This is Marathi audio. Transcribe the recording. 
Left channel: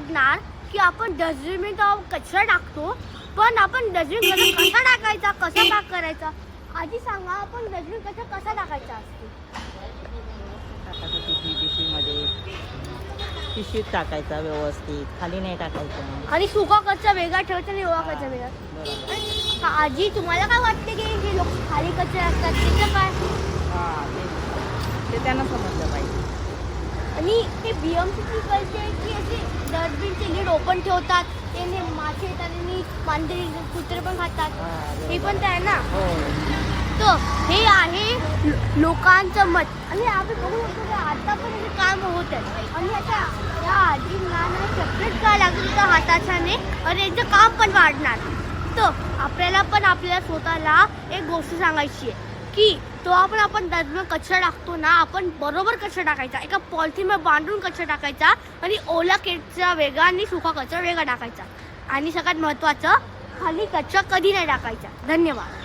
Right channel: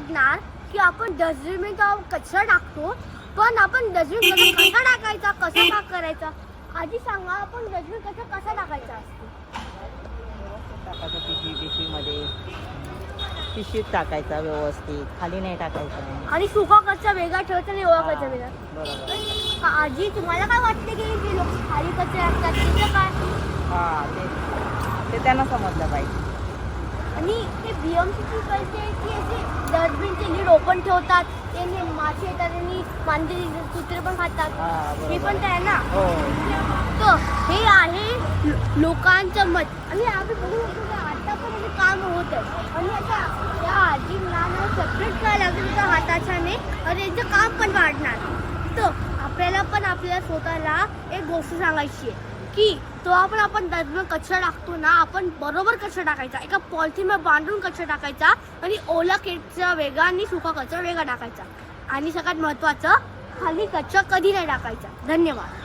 बघणार की आपण डस्टबिन कचरा टाकतो, पण आपण डस्टबिन कसा टाकायचा, कसा पॅक करायचा. आधी सांगा, आपण डस्टबिन कसा टाकायचा असतो. टाकायचं पिशवीमध्ये, पिशवीत टाकायचा व्यवस्थित, खाली नाही टाकायचं. आणि सुका कचरा वेगळा ठेवायचा आणि ओला कचरा वेगळा. बरोबर. आजी तुम्हाला काय वाटते की जे लोक खाली कचरा असतात त्याचं काय? हा, ते त्यांना समजलं पाहिजे. आणि ते BMC पैसे की असे डस्टबिनचे लीड ओपन ठेवतात, ते मासे येतात आणि मांजरी कुत्रे पण खातात. हे पण आहे ना. हो. तर हे आहे लोकांचं मत. आणि आपण बघू शकतो की आता पण हे काम होत आहे. आणि आता या आजींना ना सेपरेट करायला लागेल त्या हाताच्याने, आणि यांचं काम पण वाढणार. तर आपल्याला पण आपल्या स्वतःला एक गोष्ट सांगायची आहे की तो आपण डस्टबिन कचरा टाकतो ना, आपण बरोबर कचरा टाकायचा, एका पॉलिथिनमध्ये बांधून कचरा टाकायचा, आणि ओला कचरा वेगळा आणि सुका कचरा वेगळा टाकायचा. आणि सगळ्यात महत्त्वाचं, खाली कचरा कधी नाही टाकायचा. धन्यवाद.